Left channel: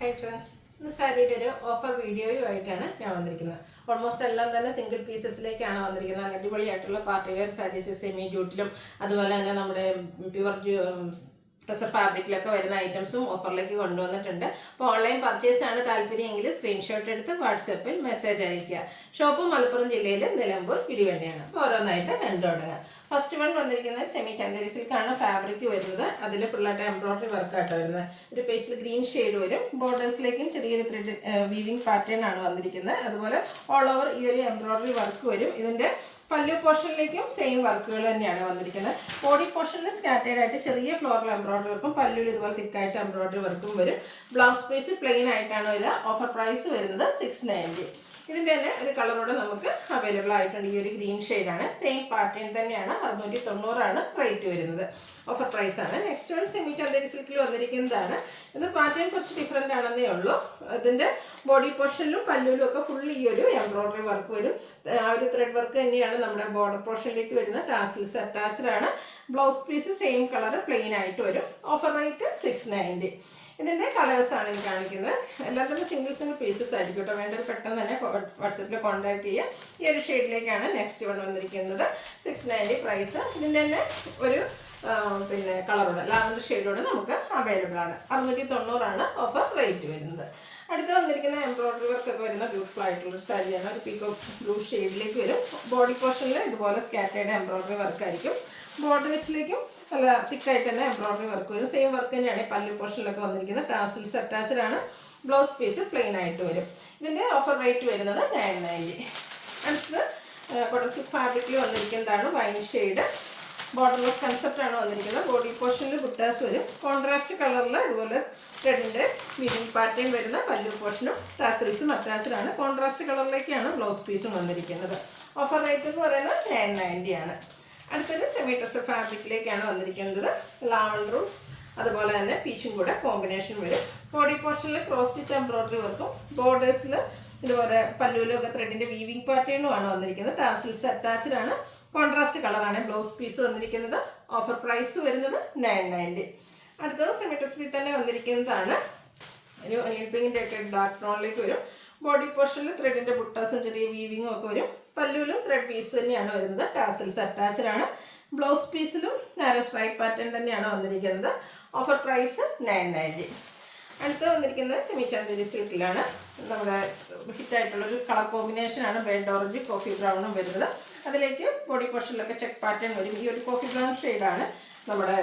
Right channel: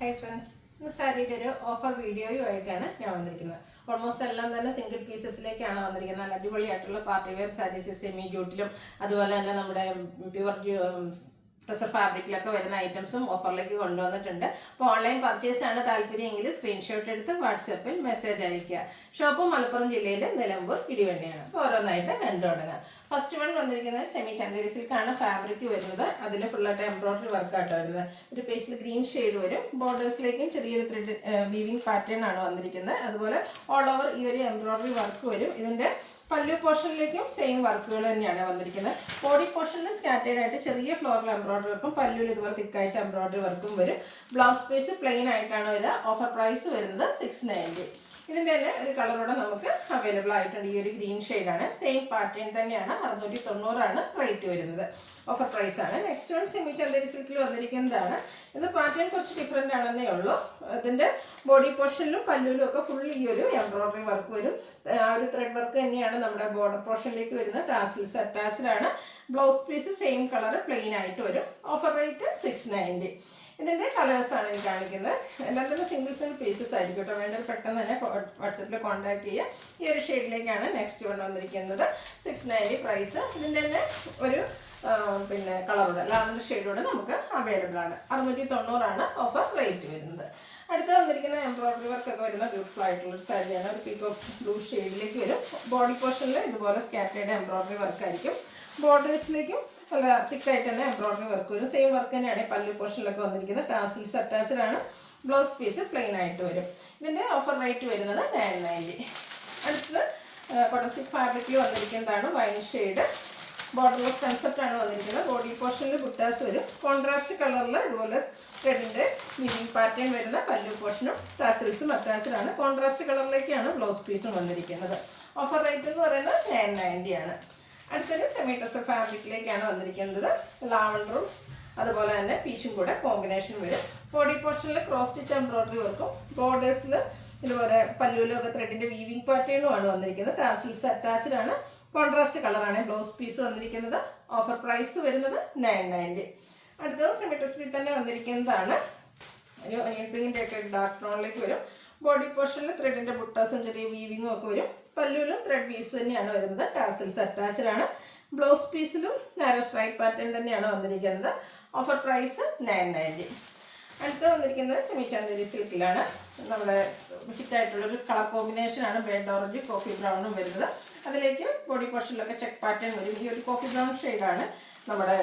Hi friends, ഇന്ന് സാരിയുടെ ഒരു ഓഫർ വീഡിയോയുമായിട്ടാണ് ഞാൻ വന്നിരിക്കുന്നത്. ഓൾമോസ്റ്റ് എല്ലാം തന്നെ സിംഗിൾ പീസസിലേക്കാണ് വന്നിരിക്കുന്നത്. അടിപൊളിയായിട്ടുള്ള പാർട്ടി വെയർ സാരീസ് സെമി ജൂട്ടിലും അതുപോലെ തന്നെ നമ്മുടെ പ്യുവർ ടെസർ ഫാബ്രിക്കിലൊക്കെ വരുന്ന ഐറ്റംസും ഓഫറിലേക്ക് കൊണ്ടുവന്നിട്ടുണ്ട്. അപ്പോൾ ഓൺലൈൻ പർച്ചേസ് ആണ് താല്പര്യമെങ്കിൽ സ്ക്രീൻഷോട്ട് എടുത്ത് വാട്സാപ്പിൽ മെസ്സേജ് അയയ്ക്കുക. ഷോപ്പ് മലപ്പുറം ജില്ലയിൽ നിലമ്പൂർ ഇടിവണ്ടിയാണ്. അപ്പോൾ ഓരോന്നായിട്ട് കണ്ടു തുടങ്ങാം. ഫസ്റ്റ് വൺ വന്നിരിക്കുന്നത് സെമി ചന്ദേരി സിൽക്കാണ് ഫാബ്രിക് വരുന്നത്. അതിൽ ഫുള്ളായിട്ട് എംബ്രോയിഡറി വർക്കായിട്ട് വരുന്നത്. ഒരു പേസ്റ്റിൽ ഗ്രീൻ ഷെയ്ഡ് വരും. ബോർഡേഴ്സിലേക്കും ചെറിയൊരു ത്രെഡ് വീവിങ് പാറ്റേൺ ആണ് വന്നിരിക്കുന്നത്. അതുപോലെ ഓൾ ഓവർ ഈ ഒരു എംബ്രോയിഡറി വർക്ക് വരും. ഇതിൻ്റെ പല്ലു പോർഷനിലേക്കും സെയിം വർക്കുകൾ തന്നെയാണ് വന്നിരിക്കുന്നത്. ബോഡി പോർഷനിൽ സ്കാറ്റേഡ് ആയിട്ട് ചെറിയ ഫ്ലോറൽ എംബ്രോയിഡറി വർക്കും പല്ലുവിൽ ഇതുപോലെ തിക്കായിട്ട് എംബ്രോയിഡറി വർക്കും വരും. ബ്ലൗസ് പീസ് പ്ലെയിൻ ആയിട്ടാണ് വരിക. ഓഫർ പ്രൈസ് വരുന്നത് 690. ഇതിൻ്റെ തന്നെ ഒരു കളറോടെ നമുക്ക് അവൈലബിൾ ആയിട്ടുണ്ട്. ഈ ഒരു ഗ്രീൻ ഷെയ്ഡാണ്. സെയിം പാറ്റേൺ തന്നെയാണ്. 690 റേറ്റ് വരുന്നത്. ഓഫർ പ്രൈസ് ആണ്. നെക്സ്റ്റ് ഒരു സെമി ചന്ദേരി സിൽക്കിൽ വന്നിരിക്കുന്നതാണ്. ഇത് പാറ്റേൺ കുറച്ച് ഡിഫറെൻ്റ് ആണെന്നേ ഉള്ളൂ. അതിൻ്റെ ബോഡി പോർഷനിലും പല്ലുവിലും ഒക്കെ ഫുൾ ഈ ഒരു എംബ്രോയിഡറി വർക്ക് വരും. ആ ഒരു ത്രെഡ് വർക്ക് തന്നെയാണ് നമ്മുടെ ബോർഡർ പോർഷനിലേക്ക് വരുന്നത്. ടാസിൽസ് അറ്റാച്ച്ഡ് ആണ്. Blouse piece same colour plain ആയിട്ട് വരും. Offer rate 690. ഇതിൻ്റെ കളേഴ്സാണ് ഞാൻ കാണിക്കുന്നത്. എല്ലാം തന്നെ സിംഗിൾ പീസസ് ആയിരിക്കും കേട്ടോ. വേണ്ടത് പെട്ടെന്ന് തന്നെ വാട്സപ്പിൽ കോൺടാക്ട് ചെയ്യുക. ഈ ഒരു ഷെയ്ഡിലേക്കാണ് നെക്സ്റ്റ് വന്നിരിക്കുന്നത്. 690 പ്രൈസ്. ഇതിൻ്റെ തന്നെ ഒരു കളറോടെ ലാവൻഡർ ഷെയ്ഡോടെ നമുക്ക് അവൈലബിൾ ആണ്. 690 ഓഫർ റേറ്റ് വരുന്നത്. അടുത്ത് വന്നിരിക്കുന്ന എംബ്രോയിഡറി വർക്ക് ഒക്കെ വരുന്ന ബ്യൂട്ടിഫുൾ ആയിട്ടുള്ള സാരിയാണ്. ഒരു പീക്കോ ബ്ലൂ ഷെയ്ഡിലേക്ക് വരും. ബോഡി പോർഷനിൽ ഇതുപോലെ സ്കാറ്റേഡ് എംബ്രോയിഡറി വർക്ക് ആയിരിക്കും. ബോർഡേഴ്സിലേക്കും നല്ല തിക്കായിട്ട് തന്നെ എംബ്രോയിഡറി വർക്ക് വരും. സെയിം വർക്ക് തന്നെയാണ് പല്ലു പോർഷനിലൊക്കെ വന്നിരിക്കുന്നത്. ടാസിൽസ് അറ്റാച്ച്ഡ് ആണ്. ബ്ലൗസ് പീസ് പ്ലെയിൻ ആയിട്ട് വരും. ഇതിൻ്റെ ഓഫർ റേറ്റ് വരുന്നത് 990. അടുത്തത് കോട്ടൺ സിൽക്ക് ഫാബ്രിക്കിൽ വന്നിരിക്കുന്നതാണ്. വൈൻ ഷെയ്ഡ് ബോർഡർലെസ് കൺസെപ്റ്റ് ആണ് വന്നിരിക്കുന്നത്. ബോഡി പോർഷനിൽ ബുട്ടാസ് വരും. കോൺട്രാസ്റ്റ് കളറിൽ ഇതുപോലെ ത്രെഡിൻ്റെ വീവിംഗ് പാറ്റേൺ വരുന്ന പല്ലു പോർഷനും ടാസിൽസും അറ്റാച്ച്ഡ് ആണ്. കോൺട്രാസ്റ്റ് കളറിലേക്കാണ് ബ്ലൗസ് പീസും വന്നിരിക്കുന്നത്. ഓഫർ റേറ്റ് എന്ന് പറയുന്നത് 990 ആണ്. അടുത്തത് സെമി ടെസർ ഫാബ്രിക്കിലേക്കാണ് വന്നിരിക്കുന്നത്. ലാവൻഡറും അതുപോലെ തന്നെ പീച്ചും കൂടെ കോമ്പിനേഷൻ വരും. ബോഡി പോർഷനിൽ ക്രോസ് സ്റ്റിച്ച് എംബ്രോയിഡറി വർക്കും ബോർഡേഴ്സിൽ ഇതുപോലെ പല്ലുവിലൊക്കെ ത്രെഡിൻ്റെ വീവിംഗ് പാറ്റേണുമാണ് വന്നിരിക്കുന്നത്. ടാസിൽസ് അറ്റാച്ച്ഡ് ആണ്. കോൺട്രാസ്റ്റ് കളറാണ് ബ്ലൗസ് പീസ് വന്നിരിക്കുന്നത്. ഓഫർ പ്രൈസ് വരുന്നത് 990. അടുത്തത് സെമി ടെസറിൽ തന്നെ വന്നിരിക്കുന്നതാണ്. ഒരു ഒനിയൻ പിങ്കിൻ്റെ ഒക്കെ ഡാർക്ക് ടോണിലേക്ക് വരും. ബോഡി പോർഷനിൽ ത്രെഡിൻ്റെ ബുട്ടാസും ചെറിയ വീവിങ്ങും ഒക്കെ വരും. പല്ലുവിലും ത്രെഡ് പീസ് തന്നെയാണ് വരുന്നത്. ടാസിൽസ് അറ്റാച്ച്ഡ് ആണ്. ബ്ലൗസ് പീസിലും നാരോ സ്ട്രൈപ്പ് പാറ്റേൺ തന്നെയാണ് വന്നിരിക്കുന്നത്. Offer price 990. അടുത്ത് വന്നിരിക്കുന്നത് സെമി ചന്ദേരി സിൽക്കിലാണ്. നമ്മുടെ ഹിറ്റായിട്ടുള്ളൊരു കളർ കോമ്പിനേഷനാണ്. ബേഡ് ഓറഞ്ച് കോഫി ബ്രൗണും വരുന്നത്. അതിലേക്ക് ബോഡി പോർഷനിലൊക്കെ ചെക്ക് പാറ്റേൺ വരും. ഈ ഒരു കോഫി ബ്രൗൺ ഷെയ്ഡാണ് നമ്മുടെ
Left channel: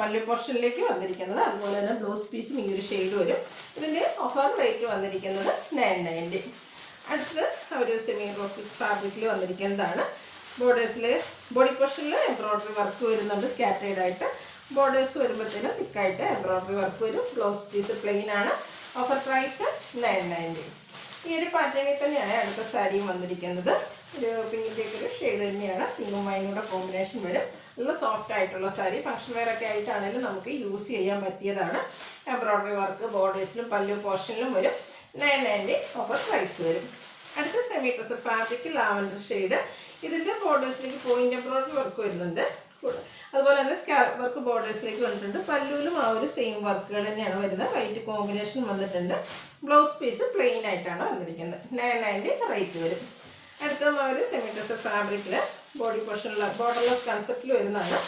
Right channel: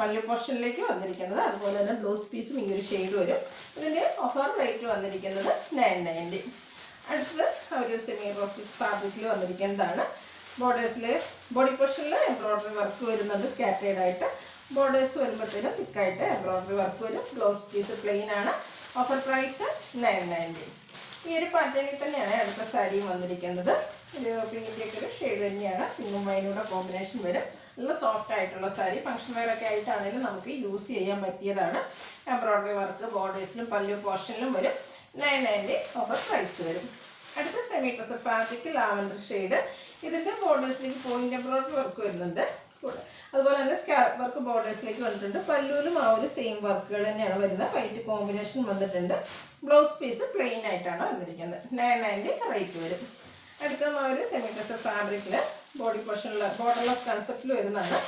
പല്ലു പോർഷനിലേക്ക് വന്നിരിക്കുന്നത്. അതുപോലെ തന്നെ ബ്ലൗസ് പീസും ഈ ഒരു ഷെയ്ഡ് വരും. ഇതിൻ്റെ ഓഫർ റേറ്റ് വന്നിരിക്കുന്നത് 990. അടുത്തത് ഒരു സെമി റോസി ഫാബ്രിക്കിൽ വന്നിരിക്കുന്നതാണ്. ബോർഡേഴ്സിൽ ബോഡി പോർഷനിൽ എംബ്രോയിഡറി വർക്ക് വരുന്നുണ്ട്. സ്കാറ്റേഡ് ആയിട്ട് ബോർഡേഴ്സ് വരുമ്പോഴത്തേനും തിക്കായിട്ട് എംബ്രോയിഡറി വർക്ക് വരും. ബ്ലൗസ് പീസ് പ്ലെയിൻ ആണ്. Offer price 990. ഈ ഒരു പാറ്റേണിൽ തന്നെയാണ് അടുത്ത സാരിയും വന്നിരിക്കുന്നത്. ഒരു പിങ്കിൻ്റെയൊക്കെ ഒരു ഷെയ്ഡ് തന്നെയാണ്. പിങ്കും വൈനൂടെ കോമ്പിനേഷൻ വരും. നല്ല സോഫ്റ്റ് ആയിട്ടുള്ള സാരി. ഫംഗ്ഷൻ വെയർ ഒക്കെ ആയിട്ടാണെങ്കിലും നമുക്ക് യൂസ് ചെയ്യാൻ പറ്റിയതാണ്. എംബ്രോയിഡറി വർക്ക് ബോർഡേഴ്സിലും പല്ലു പോർഷനിലും വരും. 990 ഓഫർ പ്രൈസ് വരും. അടുത്ത semi tussar fabric lavender shade. ഇതിൻ്റെ ബോർഡേഴ്സിലേക്ക് പോയിന്റ് എംബ്രോയിഡറി വർക്ക് വരുന്നുണ്ട്. അതുപോലെ തന്നെ സ്കാലപ്പ് വർക്ക് ബോർഡേഴ്സിലേക്ക് വന്നിട്ടുണ്ട്. പല്ലുവിലും ആ ഒരു സെയിം വർക്കുകൾ തന്നെയാണ് വരുന്നത്. വൈറ്റ് കോമ്പിനേഷൻ വന്നിട്ടുണ്ട്. ബ്ലൗസ് പീസ് പ്ലെയിൻ ആയിട്ടാണ് വന്നിരിക്കുന്നത്. 990 റേറ്റ് വരും. അടുത്ത ഒരു സെമി ടെസർ ഫാബ്രിക്കിൽ ബോഡി പോർഷനിൽ ബോർഡർലെസ് കൺസെപ്റ്റിൽ വരുന്നതാണ്.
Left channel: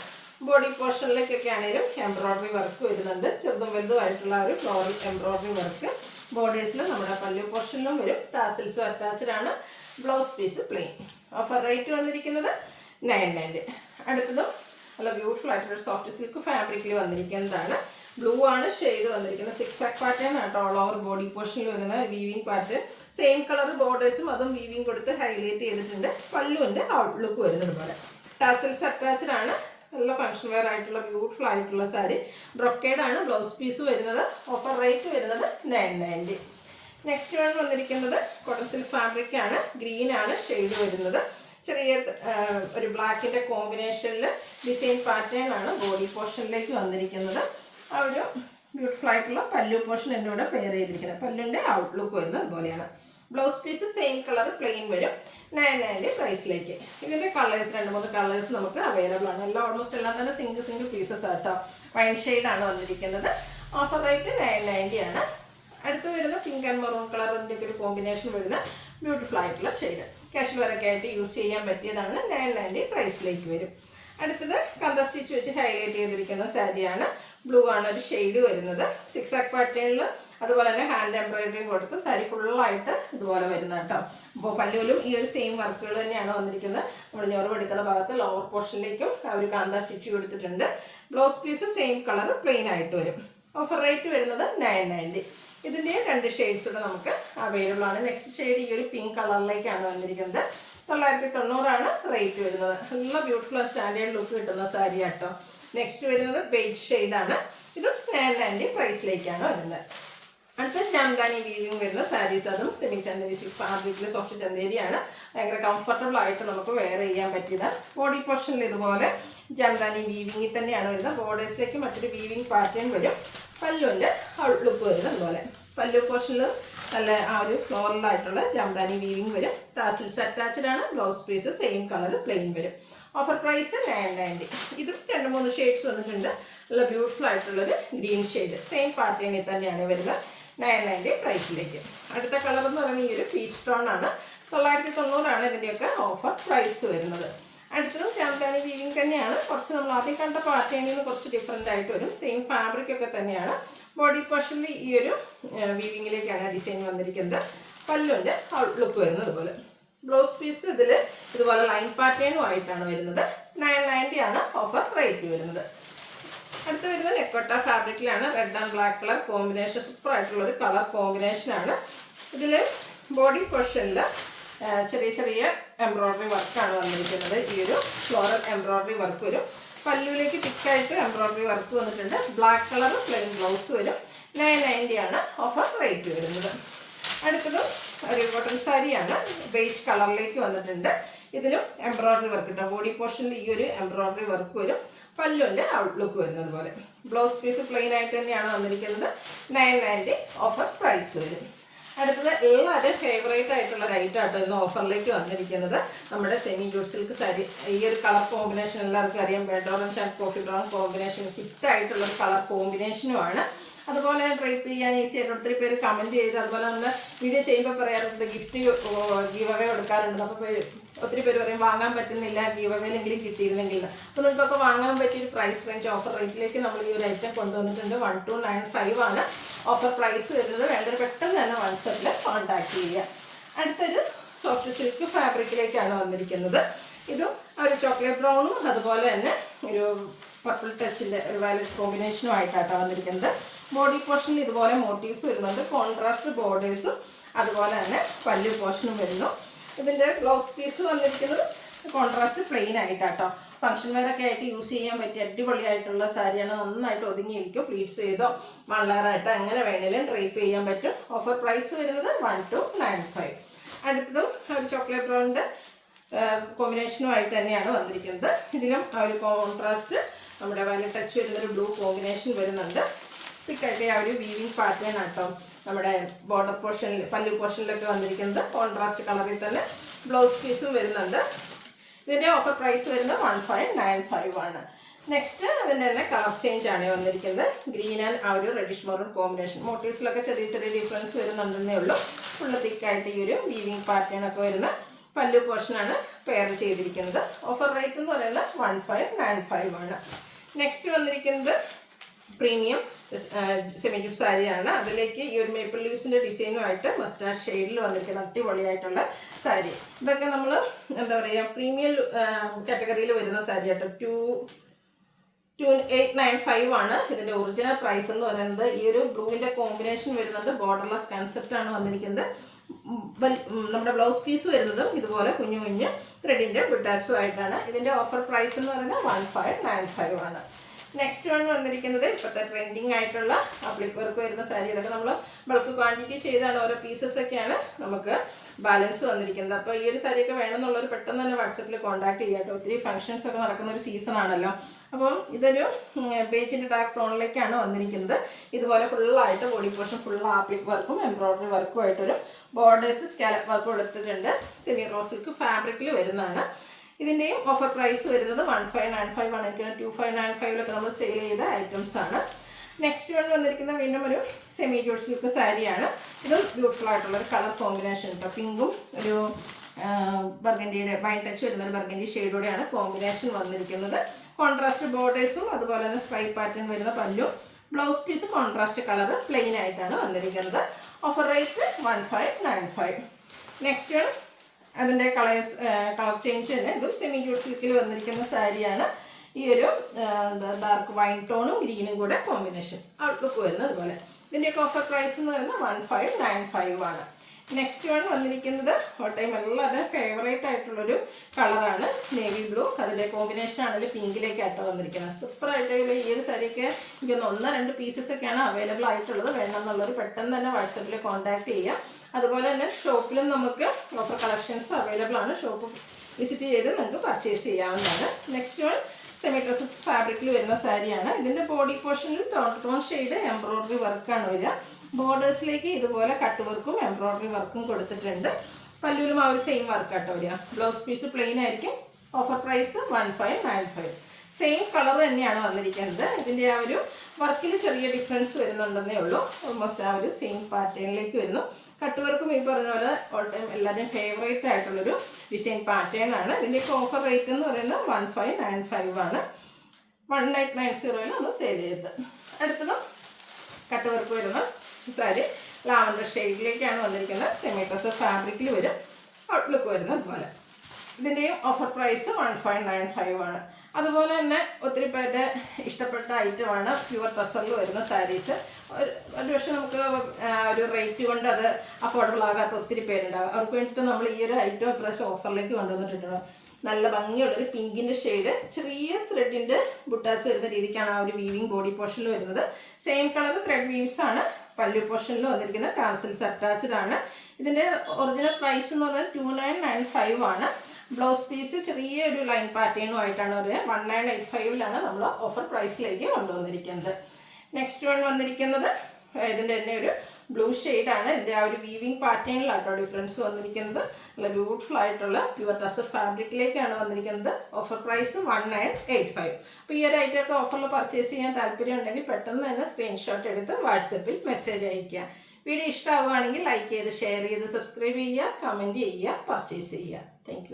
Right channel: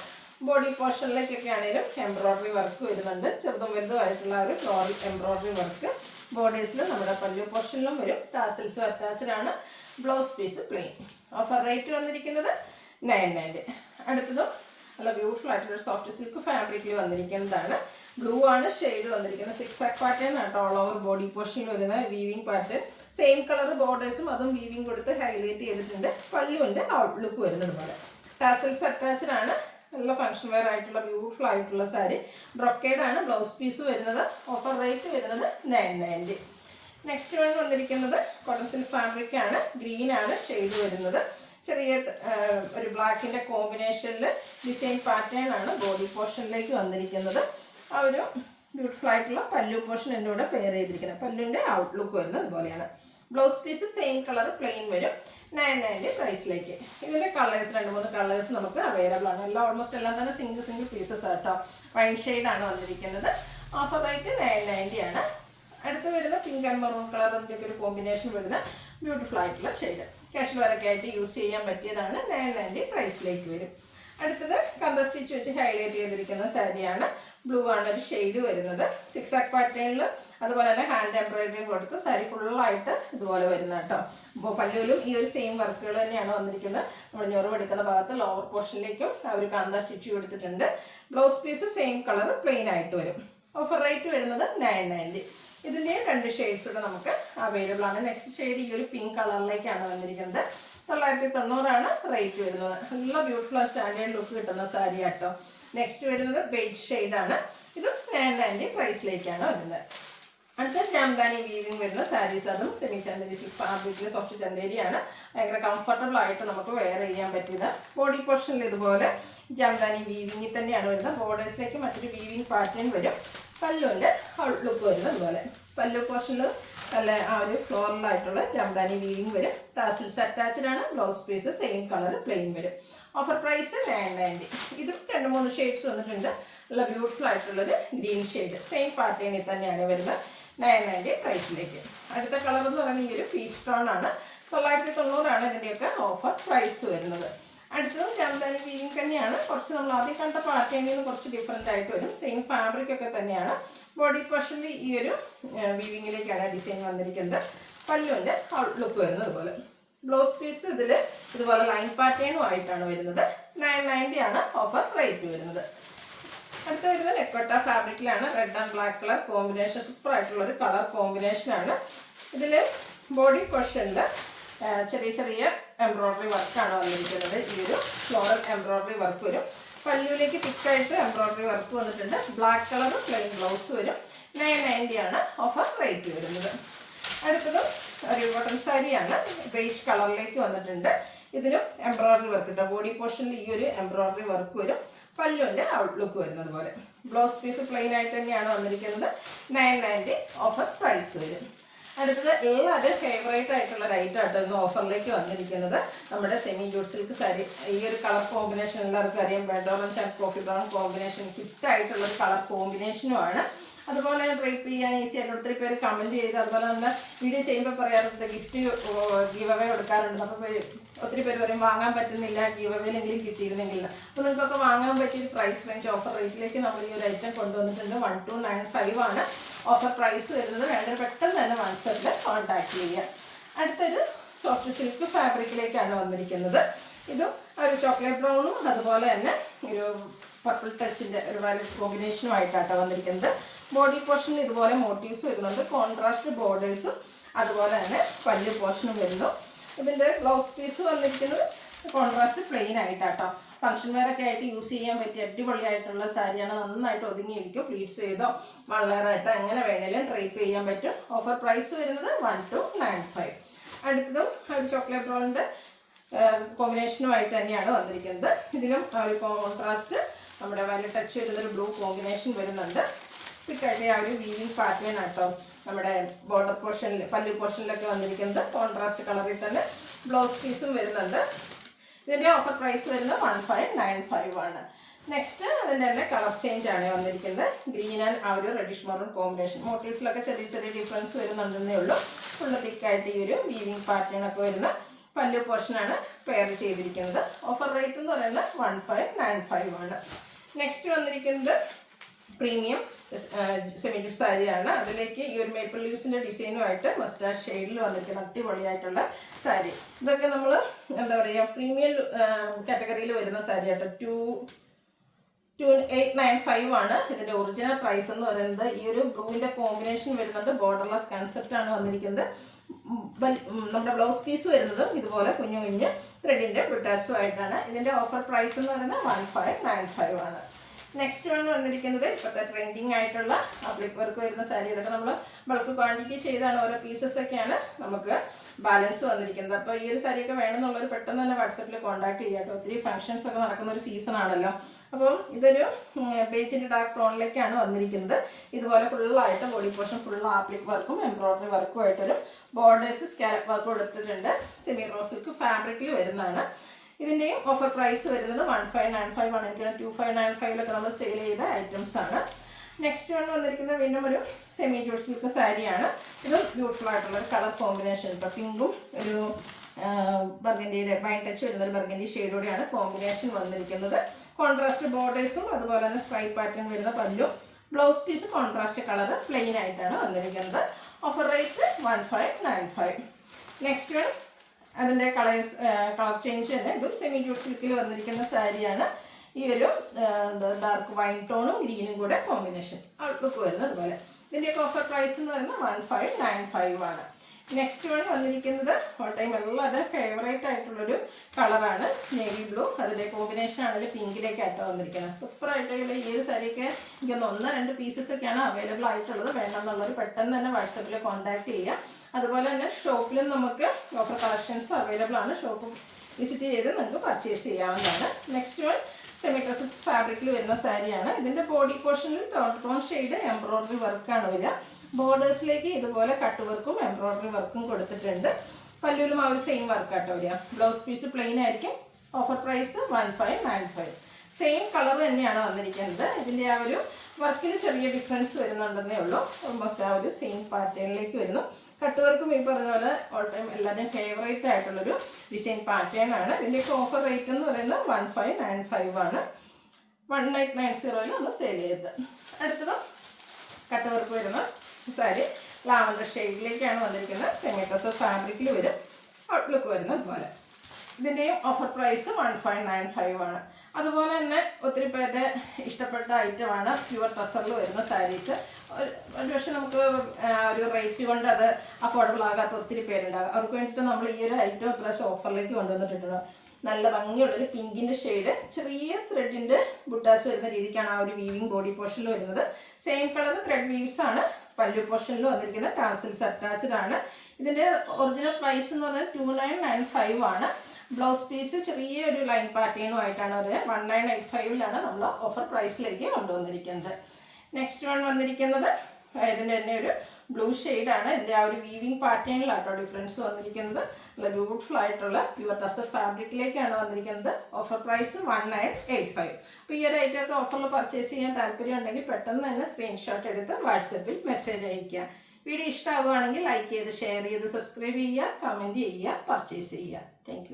ബോഡി പോർഷനിലേക്കൊക്കെ ആണെങ്കിലും എംബ്രോയിഡറി വർക്ക് വരുന്നുണ്ട്. ചെറുതും വലുതുമായിട്ടുള്ള ഒരു ഫ്ലോറൽ എംബ്രോയിഡറി വർക്ക് ബോർഡേഴ്സിൽ നമ്മുടെ പല്ലു പോർഷനിലും വരും. ടാസിൽസും അറ്റാച്ച്ഡ് ആണ്. Blouse piece plain. Offer rate വന്നിരിക്കുന്നത് 990. അടുത്തതും നല്ല ബ്യൂട്ടിഫുൾ ആയിട്ടൊരു സോഫ്റ്റ് സിൽക്ക് ഫാബ്രിക്കിൽ വന്നിരിക്കുന്നതാണ്. ബ്ലൂ ആണ് ഷെയ്ഡ് വന്നിരിക്കുന്നത്. സിക്സാക് പാറ്റേൺ ആട്ടോ ഓൾ ഓവർ ബോഡി പോർഷനിൽ വരുന്ന വീവിംഗ് പാറ്റേൺ. സെയിം കളർ ബോർഡേഴ്സും അതും വീവിംഗ് കൊടുത്ത് ഹൈലൈറ്റ് ചെയ്തിട്ടുണ്ട്. പല്ലുവിൻ്റെ ഔട്ട്ലുക്ക് വരുന്നത് പോലെ. ടാസിൽസ് അറ്റാച്ച്ഡ് ആണ്. നല്ല ഫംഗ്ഷൻ വെയർ ആയിട്ടുള്ള ബ്യൂട്ടിഫുൾ ആയിട്ടുള്ള സാരി. ബ്രൊക്കേഡ് ആണ് ബ്ലൗസ് പീസ് വരുന്നത്. ഓഫർ റേറ്റ് വരുന്നത് 990. നെക്സ്റ്റ് വൺ വന്നിരിക്കുന്നത് കോട്ടൺ സിൽക്ക് ഫാബ്രിക് ആണ്. ഗ്രീൻ ആണ് ഷെയ്ഡ് വരുന്നത്. ചെറിയ ഒരു ബ്ലാക്കിൻ്റെ കോമ്പിനേഷനിൽ ഡിസൈൻ പാറ്റേൺ ആണ് ബോഡി പോർഷനിലേക്ക് വന്നിരിക്കുന്നത്. ആ ഒരു ബ്യൂട്ടിഫുൾ ആയിട്ടുള്ള പല്ലു പോർഷൻ എൻ്റെ കൂടെ പെയർ ചെയ്തിരിക്കുന്നത്. പല്ലുവിൻ്റെ ഔട്ട്ലുക്ക് വരുന്നത് അതുപോലെയാണ്. Blouse piece same colour plain വരും. 990 പ്രൈസിലേക്ക്. ഇതിൻ്റെ കളേഴ്സ് 2-3 കളേഴ്സ് നമുക്ക് അവൈലബിൾ ആണ്. എല്ലാം ഓൾമോസ്റ്റ് എല്ലാം തന്നെ സിംഗിൾ പീസസ് ആട്ടോ. വൈൻ ഷെയ്ഡാണ് വന്നിരിക്കുന്നത്. ഓഫർ റേറ്റ് 990 ആണ്. അടുത്ത് വരുന്ന പിങ്ക് ആൻഡ് മെറൂൺ കളറിൻ്റെ ഒക്കെ ഒരു കോമ്പിനേഷൻ വരുന്ന ബ്യൂട്ടിഫുൾ ആയിട്ടുള്ള ഷെയ്ഡ്. കാഷ്വൽ വെയറൊക്കെ ആയിട്ട് യൂസ് ചെയ്യാൻ പറ്റിയതാണ്. 990 പ്രൈസിലേക്ക് വരും. അടുത്തത് കന്ത സ്റ്റിച്ച് വെച്ച് ഹൈലൈറ്റ് ചെയ്തിരിക്കുന്ന സാരിയാണ്. ബ്ലൂ ആണ് ഒരു ഷെയ്ഡ് വരുന്നത്. 6 പാറ്റേണിൽ അതുപോലെ തന്നെ ഹാൻഡ് എംബ്രോയിഡറിയും കൊടുത്ത് സാരി ഫുള്ളായിട്ട് ഇതുപോലെ വരുന്ന കേട്ടോ. അപ്പോൾ പല്ലുവിലും ഈ ഒരു സെയിം വർക്കുകൾ തന്നെയാണ് വന്നിരിക്കുന്നത്. നമ്മൾ ഞൊറിവ് എടുക്കുന്ന ഭാഗത്ത് ലോവർ പോർഷനിലേക്കും ഒരു കാന്ത സ്റ്റിച്ച് കൊടുത്തിട്ടുണ്ട്. Blouse piece same colour plain ആയിട്ട് വരും. ഓഫർ റേറ്റ് വരുന്നത് 990. ഇതിൻ്റെയും 2 ഷെയ്ഡ്സ് കൂടെ നമുക്ക് അവൈലബിൾ ആണ്. നെക്സ്റ്റ് ഷെയ്ഡ് ഈ ഒരു പിങ്ക് കളറിലേക്കാണ് വന്നിരിക്കുന്നത്. 990 റേറ്റ് വരുന്നത്. നല്ല ബ്യൂട്ടിഫുൾ സ്റ്റാൻഡേർഡ് ലുക്ക് കിട്ടുന്ന സാരി കേട്ടോ. നെക്സ്റ്റ് വരുന്നത് ബേജ് ഷെയ്ഡാണ്. ഇത് 990 പ്രൈസിലേക്കാണ് വരുന്നത്. അടുത്ത ജാംദാനി വീവിങ് വരുന്ന സാരീസ്, അതും സെമി ചന്ദേരി സിൽക്ക് ഫാബ്രിക്കിൽ സോഫ്റ്റ് ചന്ദേരിയാണ്. ഭയങ്കര കംഫർട്ടബിൾ ആയിട്ട് നമുക്ക് വെയർ ചെയ്യാൻ പറ്റിയതാണ്. ബോഡി പോർഷനിൽ ഇതുപോലെ ജാംദാനി വീവിങ്ങിൽ തന്നെയാണ് വരുന്നത്. ബോർഡേഴ്സിലേക്ക് മറ്റൊരു വീവിങ് പാറ്റേൺ വരും. പല്ലുവിൻ്റെ ലുക്ക് വരുന്നത് അതുപോലെ. പല്ലു പോർഷനിൽ നല്ല ആ ഒരു ഫ്ലോറലായിട്ടുള്ള ജാംദാനി വീവിങ് വരും. ടാസിൽസ് അറ്റാച്ച്ഡ് ആണ്. Blouse piece same colour plain വരും. Offer price 990. ഇതും 2-3 ഷെയ്ഡ്സ് വന്നിട്ടുണ്ട്. നല്ല ബ്യൂട്ടിഫുൾ ആയിട്ടുള്ളൊരു ഗ്രീൻ ഷെയ്ഡ് സെയിം പാറ്റേണിൽ തന്നെയാണ് വരുന്നത്. 990 പ്രൈസിലേക്ക്. അടുത്ത കളർ എന്ന് പറയുന്നത് ഈ ഒരു പീച്ച് ടോൺ ആണ്. 990 ഇതിൻ്റെയൊക്കെ ഓഫർ പ്രൈസ് വരുന്നത്. അടുത്തത് ജാംദാനി വീവിങ് തന്നെയാണ്. കുറച്ച് നമ്മൾ ആദ്യം കണ്ട പാറ്റേണിൽ നിന്ന് കുറച്ച് ഡിഫറെൻ്റ് ആയിട്ട് വരും. സെയിം ഫാബ്രിക് ഒക്കെ തന്നെയാണ്. ബോഡി പോർഷനിൽ ഈ ഒരു വീവിങ്ങിലേക്കാണ് ഡിസൈൻ വന്നിരിക്കുന്നത്. പല്ലുവിൻ്റെ ലുക്ക് വരുന്നത് അതുപോലെ. ബ്ലൗസ് പീസ് ഇതിൽ ഇതുപോലെ ലൈൻ പാറ്റേണും ആയിട്ടാണ് വരുന്നത്. 990 ആണ് ഓഫർ റേറ്റ് വരുന്നത്. അടുത്ത വരുന്നത് നെക്കോട്ട ഫാബ്രിക്കിലാണ്. Red and black colour combination super ആയിട്ടുള്ളൊരു കളർ കോമ്പിനേഷനാണ്. ഇതിൽ ബോഡി പോർഷനിൽ ചെറിയ ചെറിയ എംബ്രോയ്ഡറി വർക്കാണ് വന്നിരിക്കുന്നത്. ഈ ഒരു ഫ്ലോറൽ എംബ്രോയ്ഡറി വർക്ക് വരും. പല്ലുവിലേക്ക് തിക്കായിട്ട് എംബ്രോയ്ഡറി വർക്ക് വന്നിട്ടുണ്ട്. ബ്ലാക്ക് കളർ പ്ലെയിൻ ബ്ലൗസ് വരും. 990 ആണ് ഓഫർ റേറ്റ് വരുന്നത്. അടുത്തത് ഒരു കോട്ടൺ സാരിയാണ്. ബേജ് കളറിലേക്ക് വന്നിട്ടുണ്ട്. ഇതിലും എംബ്രോയ്ഡറി വർക്ക് കിട്ടും. ബോഡി പോർഷനിൽ ഈ ഒരു എംബ്രോയ്ഡറി വർക്ക് വരും. പല്ലുവിൻ്റെ ഔട്ട്ലുക്ക് വരുന്നത് പോലെ. ബ്ലൗസ് പീസ് പ്ലെയിൻ ആയിട്ട് തന്നെയാണ് വന്നിരിക്കുന്നത്. 990 ഓഫർ പ്രൈസ് വരും. അടുത്തത് എല്ലാവരും ഫേവറേറ്റ് ആയിട്ടുള്ള റൈറ്റ് ആട്ടോ ഇന്ന് ഓഫറിലേക്ക് വന്നിരിക്കുന്നത്. നമ്മുടെ സെമി ജൂട്ട് സിൽക്ക് സാരി. ഈ ഒരു കളർ കോമ്പിനേഷൻ എല്ലാവർക്കും അറിയാം. Red orange and coffee brown combination ഹിറ്റായിട്ടുള്ളൊരു കളർ കോമ്പിനേഷനുമാണ്. അതുപോലെ ഡ്രൈപ്പ് ചെയ്യാൻ ഈസി ആയിട്ട് ഒത്തിരി പേര് കമൻറ്റ് ചെയ്ത്, അതുപോലെ നമ്മൾ വീഡിയോ ചെയ്യുമ്പോൾ പറയാറുണ്ട് ഗിഫ്റ്റ് ഗീവ് അവേ കൊടുക്കാറുണ്ട്. അപ്പോൾ ഒത്തിരി പേര് പറയും വാങ്ങാൻ പറ്റുന്നില്ല, ഗീവ് അവേലെങ്കിലും കിട്ടിയിരുന്നെങ്കിൽ. അപ്പോൾ നിങ്ങൾക്കൊക്കെ വാങ്ങാൻ പറ്റിയൊരു പ്രൈസ് റേഞ്ച് ഓഫർ റേറ്റിലേക്ക് നമ്മൾ ഈ ഒരു ഐറ്റം കൊണ്ടുവന്നിട്ടുണ്ട്. 1295 ആണ് ഓഫർ പ്രൈസ് വരുന്നത്. വേണ്ടത് പെട്ടെന്ന് തന്നെ വാട്സാപ്പിൽ കോൺടാക്ട് ചെയ്യുക. അടുത്തൊരു സോഫ്റ്റ് സിൽക്ക് ഫാബ്രിക്കിലേക്കാണ് വന്നിരിക്കുന്നത്. ഇതും ഒരു ചോക്ലേറ്റ് ബ്രൗണും അതുപോലെ തന്നെ ഒരു പർപ്പിൾ ടച്ചിൻ്റെ ഒരു വാലറ്റ് കോമ്പിനേഷനും ആയിട്ടാണ് വന്നിരിക്കുന്നത്. ബോഡി പോർഷനിൽ ഇതുപോലെ മോട്ടീവ്സ് വരുന്നുണ്ട്. കോൺട്രാസ്റ്റ് ബോർഡേഴ്സും അതുപോലെ തന്നെ പല്ലു പോർഷനും വരുന്നു. ഇതിൻ്റെ ബ്ലൗസ് പീസ് വന്നിരിക്കുന്നത് കോൺട്രാസ്റ്റ് പ്ലെയിൻ ആയിട്ടാട്ടോ. ഫംഗ്ഷൻ വെയറൊക്കെ ആയിട്ട് യൂസ് ചെയ്യാൻ പറ്റിയ അടിപൊളിയായിട്ടുള്ള സാരിയാണ്. നന്നായിട്ട് ഒതുങ്ങിയിരിക്കും. പ്ലീറ്റ്സ് ചെയ്തോ മൺലെയറായിട്ടോ എങ്ങനെ വേണേലും ഡ്രൈപ്പ് ചെയ്യാൻ പറ്റും. ഓഫർ പ്രൈസ് വരുന്നത് 1295. അടുത്തതും ഒരു ചോക്ലേറ്റ് ബ്രൗണിൻ്റെ കോമ്പിനേഷനുമായിട്ട് തന്നെയാണ് വന്നിരിക്കുന്നത്. ഇതിലും ഒരു കോൺട്രാസ്റ്റ് നമ്മുടെ വയലറ്റ് ടച്ച് വരുന്നൊരു ബ്ലൂ കോമ്പിനേഷൻ വരുന്നുണ്ട്. പിക്കായിട്ട് ആ ഒരു വീവിങ് പാറ്റേൺ ആട്ടോ നമ്മുടെ ബോർഡർ പോർഷനിൽ പല്ലു പോർഷനിലൊക്കെ വന്നിരിക്കുന്നത്. കോൺട്രാസ്റ്റ് കളറിൽ തന്നെ ബ്ലൗസ് പീസും വരുന്നുണ്ട്. ഇതിൻ്റെ ഓഫർ പ്രൈസ് വരുന്നത് 1595 ആണ്. നെക്സ്റ്റ് അതിൻ്റെ തന്നെ കളർ ചേഞ്ച് ആണ് വന്നിരിക്കുന്നത്. ഗ്രീൻ ആൻഡ് ആ ഒരു റെഡിഷ് മെറൂൺ കോമ്പിനേഷൻ. മോട്ടീവ്സിലൊക്കെ ചെറിയ ചെറിയ ഡിഫറൻസ് വരുന്നുണ്ടെന്നേ ഉള്ളൂ. ഫുള്ള് തിക്കായിട്ട് ഈ ഒരു വീവിങ് പാറ്റേൺ ഒക്കെ വരുന്ന പല്ലു പോർഷനാണ് പെയർ ചെയ്തിരിക്കുന്നത്. ഓഫർ റേറ്റ് എന്ന് പറയുന്നത് 1595 ആണ്. നെക്സ്റ്റ് വന്നിരിക്കുന്നത് പ്രീമിയം സെമി ജൂട്ട് സാരിയാണ്. അതിലേക്ക് ഈ ഒരു മേപ്പിൾ ലീവ്സിൻ്റെ ഡിസൈനുമായിട്ട് മസ്റ്റാർഡ് ഷെയ്ഡിൽ വന്നിരിക്കുന്ന അടിപൊളിയായിട്ടുള്ള സാരി. ഇതൊക്കെ നമ്മൾ എന്താ പറയുക പ്രീമിയം കാറ്റഗറിയിൽ വരുന്ന സാരി ആട്ടോ. 2895 ആണ് ഇതിൻ്റെ ഒറിജിനൽ പ്രൈസ് എന്ന് പറയുന്നത്. ഈ ഒരു ബ്ലൂവിൻ്റെ കോമ്പിനേഷൻ വരുന്നത് ബോർഡർലെസ് കൺസെപ്റ്റ് ആണ് വന്നിരിക്കുന്നത്. നമ്മുടെ ബ്ലൗസ് പീസ് വരുന്നതും ഇതുപോലെ കുഞ്ഞു കുഞ്ഞ് ത്രെഡിൻ്റെ ബുട്ടാസും ആയിട്ടാണ്. ഇതിൻ്റെ ഓഫർ പ്രൈസ് എന്ന് പറയുന്നത് 1595 ആണ്. നെക്സ്റ്റ് വൺ വന്നിരിക്കുന്നത് ഇപ്പോഴത്തെ ട്രെൻഡിങ് ആയിട്ടുള്ള അപ്ലിക് വർക്ക് വരുന്ന സാരി. ഇതൊക്കെ നമ്മൾ ബൾക്ക് ക്വാണ്ടിറ്റി ചെയ്താണ്. ഓരോ പീസസൊക്കെയാണ് നമുക്ക് ബാലൻസ് വന്നിരിക്കുന്നത്. അപ്പോൾ ഈ ഒരു സാരിയൊക്കെ വേണമെന്നുള്ളവർ പെട്ടെന്ന് തന്നെ വാട്സപ്പിൽ കോൺടാക്ട് ചെയ്യാട്ടോ. ഒത്തിരി ഫംഗ്ഷൻസ് ഒക്കെ നടക്കുന്ന ഒരു സീസൺ ആണല്ലോ. അപ്പം ഇതൊരു ബേജിൻ്റെ ഡാർക്ക് ടോണിലേക്കാണ് വന്നിരിക്കുന്നത്. ഇതുപോലെ ഫുള്ളായിട്ട് ബോഡി പോർഷൻ ഫുൾ ആപ്ലിക് വർക്കും എംബ്രോയ്ഡറി വർക്കും ആയിട്ടൊരു ബോർഡേഴ്സ് സ്കാലപ്പ് വർക്കും എടുത്തിട്ടുണ്ട്. സെമി റോ സിൽക്ക് ഫാബ്രിക്കിൽ വരുന്നതാണ്. ഇതിൻ്റെയും ഓഫർ പ്രൈസ് വരുന്നത് 1595 ആണ്. 2595 നമ്മൾ സെയിൽ ചെയ്ത ഐറ്റംസ് ആണ്. നെക്സ്റ്റ് വൺ വന്നിരിക്കുന്ന വീണ്ടും ഒരു സെമി ജൂട്ട് സിൽക്ക് സാരിയാണ്. ഇതും ബ്യൂട്ടിഫുൾ ആയിട്ടുള്ളൊരു കളർ കോമ്പിനേഷൻ. ഇപ്പോൾ പിങ്കും ഒരു ബർഗൻഡിയുടെ വൈൻ ടച്ച് വരുന്ന ഒരു ബർഗൻഡി ഷെയ്ഡോടെയാണ് കോമ്പിനേഷൻ വന്നിരിക്കുന്നത്. കോൺട്രാസ്റ്റ് ബോർഡേഴ്സും അതുപോലെ തന്നെ സ്ട്രൈപ്പ് പാറ്റേൺ വരുന്ന പല്ലും. Blouse piece contrast colour plain ആയിട്ടാണ് വന്നിരിക്കുന്നത്. Offer rate 1595. നെക്സ്റ്റ് അതിൻ്റെ കളർ ചേഞ്ച് തന്നെ ഇതും സെമി ജൂട്ട് സിൽക്കിൽ വന്നിരിക്കുന്ന സാരിയാണ്. ഈ ഒരു ഡാർക്ക് വൈൻ ടോണും ഗ്രീനും കൂടെ കോമ്പിനേഷൻ ഔട്ട്ലുക്ക് വരുന്നത് അതുപോലെ. ഇതിൻ്റെയൊക്കെ ഓഫർ പ്രൈസ് എന്ന് പറയുന്നത് 1595 ആണ്. നെക്സ്റ്റ് വൺ വന്നിരിക്കുന്നത് ഓൾ ടൈം എല്ലാവരുടെയും ഫേവറേറ്റ് ആയിട്ടുള്ളൊരു കളറാണ് നേവി ബ്ലൂ. അതിൻ്റെ കോമ്പിനേഷൻ ആണെങ്കിൽ പിങ്കിലേക്കായിട്ടാണ് വന്നിരിക്കുന്നത്. സൂപ്പറായിട്ടുള്ള ഈ ഒരു സാരിക്ക് എനിക്കൊന്ന് 1-2 പീസസൊക്കെയാണ് അവൈലബിൾ ആയിട്ടുള്ളത്. വേണമെന്നുള്ളവർ പെട്ടെന്ന് തന്നെ വാട്സാപ്പിൽ കോൺടാക്ട് ചെയ്യാം. അതുപോലെ തന്നെ ഷോപ്പിലും നമുക്ക് ഓഫർ കളക്ഷൻസ് അവൈലബിൾ ആണ്. ഷോപ്പ് വിസിറ്റ് ചെയ്ത് നിങ്ങൾക്ക് പർച്ചേസ് ചെയ്യാവുന്നതാണ്. നെക്സ്റ്റ് വൺ സെമി ഡ്രസ്സസ് ഫാബ്രിക്കിൽ വരുന്ന സാരിയാണ്. ഇതിൻ്റെ ബോഡി പോർഷനിൽ ടോൺ ഷെയ്ഡ് എംബ്രോയ്ഡറി വർക്കാണ് വരിക. ബോർഡേഴ്സിലേക്ക് ഇതുപോലെ കട്ട് വർക്കും എംബ്രോയ്ഡറി വർക്കും കൊടുത്തിട്ടുണ്ട്. പല്ലുവിലും ആ ഒരു സെയിം വർക്കാട്ടോ വരിക. ബ്ലൗസ് പീസ് പ്ലെയിൻ ആയിരിക്കും. Offer price 1595. സെയിം കളർ തന്നെയാണ് വന്നിരിക്കുന്നത്. ഇതിൻ്റെ ആ ഒരു വർക്കിൽ ചെറിയ ഡിഫറൻസ് വരുന്നുണ്ടെന്നേ ഉള്ളൂ. ഓൾമോസ്റ്റ് ആ ഒരു സെയിം പാറ്റേണിലേക്ക് വരുന്നു. കട്ട് വർക്കും ഈ പറഞ്ഞ പോലെ ഓൾ ടൈം എല്ലാവരുടെയും ഫേവറേറ്റ് ആയിട്ടുള്ളൊരു ഡിസൈൻ പാറ്റേൺ ആണ്. ഇതിൻ്റെയൊക്കെ ഓഫർ റേറ്റ് എന്ന് പറയുന്നത് 1595 ആണ്. 1890 നമ്മൾ സെയിൽ ചെയ്തത്. അടുത്തത് കട്ട് വർക്ക് വരുന്ന സാരി ലാവൻഡർ ഷെയ്ഡിലേക്കാണ് വന്നിരിക്കുന്നത്. സെമി ഡ്രസ്സസ് ഫാബ്രിക്കിൽ വരും. ഔട്ട്ലുക്ക് വരുന്നത് അതുപോലെ. ഇതിൻ്റെയും ഓഫർ പ്രൈസ് 1595 ആണ്. അതുപോലെ തന്നെ ഒത്തിരി പേരുടെ ഇഷ്ടപ്പെട്ട ഐറ്റമാണ് പ്യുവർ ടസറിൽ വരുന്ന സാരീസ്. ഒരു പക്ഷേ നമുക്ക് ഒരു റേറ്റ് കൊണ്ട് അത് അഫോർഡബിൾ ആകാത്ത ഒത്തിരി പേരുണ്ടാകും. അവർക്ക് വേണ്ടിയിട്ട് നമ്മൾ ഈ ഒരു ഐറ്റം ഇപ്രാവശ്യം ഓഫറിലേക്ക് കൊണ്ടുവന്നിട്ടുണ്ട്. നല്ല ഭംഗിയുള്ളൊരു പിങ്കിൻ്റെ ഷെയ്ഡ്, ചെറിയ ത്രെഡിൻ്റെ ബുട്ടാസ് വരുന്ന രീതിക്കാണ് ആ ഒരു വീവിങ് ബോഡി പോർഷനിൽ വരുന്നത്. സെയിം കളർ ത്രെഡ് വീവ്സ് ആണ് പല്ലു പോർഷനിൽ വന്നിരിക്കുന്നത്. ടാസിൽസ് അറ്റാച്ച്ഡ് ആണ്. ഇതിൻ്റെ ഒറിജിനൽ പ്രൈസ് എന്ന് പറഞ്ഞാൽ 2995 ആണ്. ബ്ലൗസ് പീസ് ചെറിയൊരു ലൈൻ പാറ്റേണുമായിട്ടാണ് ഒരു 1985 നമ്മൾ ഓഫർ പ്രൈസിലേക്ക് കൊണ്ടുവന്നിരിക്കുന്നത്. നെക്സ്റ്റ് വൺ വന്നിരിക്കുന്നത് ഇതിൻ്റെ തന്നെ ഒരു ബ്ലൂ ഷെയ്ഡാണ്. ഇതിൻ്റെ ആ ഒരു വീവിങ് പാറ്റേണിലാട്ടോ ഡിഫറൻസ് വന്നിരിക്കുന്നത്. നല്ല ബ്യൂട്ടിഫുൾ ആയിട്ടുള്ള പ്യുവർ ടസർ ഫാബ്രിക്കിലേക്കാണ് വന്നിരിക്കുന്നത്. Offer price 1985. അപ്പോൾ ഈ ഒരു ഐറ്റമൊക്കെ ഓഫറിൽ പർച്ചേസ് ചെയ്യാൻ താല്പര്യം ഉണ്ടെങ്കിൽ പെട്ടെന്ന് തന്നെ സ്ക്രീൻഷോട്ട് എടുത്ത് വാട്സപ്പിൽ മെസ്സേജ് അയയ്ക്കുക. വീഡിയോ ഇഷ്ടമാകുകയാണെങ്കിൽ ലൈക്ക് ചെയ്ത് ഷെയർ ചെയ്ത് സബ്സ്ക്രൈബ് ചെയ്യുക, കമൻറ്റ് ചെയ്യുക, പർച്ചേസ് ചെയ്യുക. താങ്ക്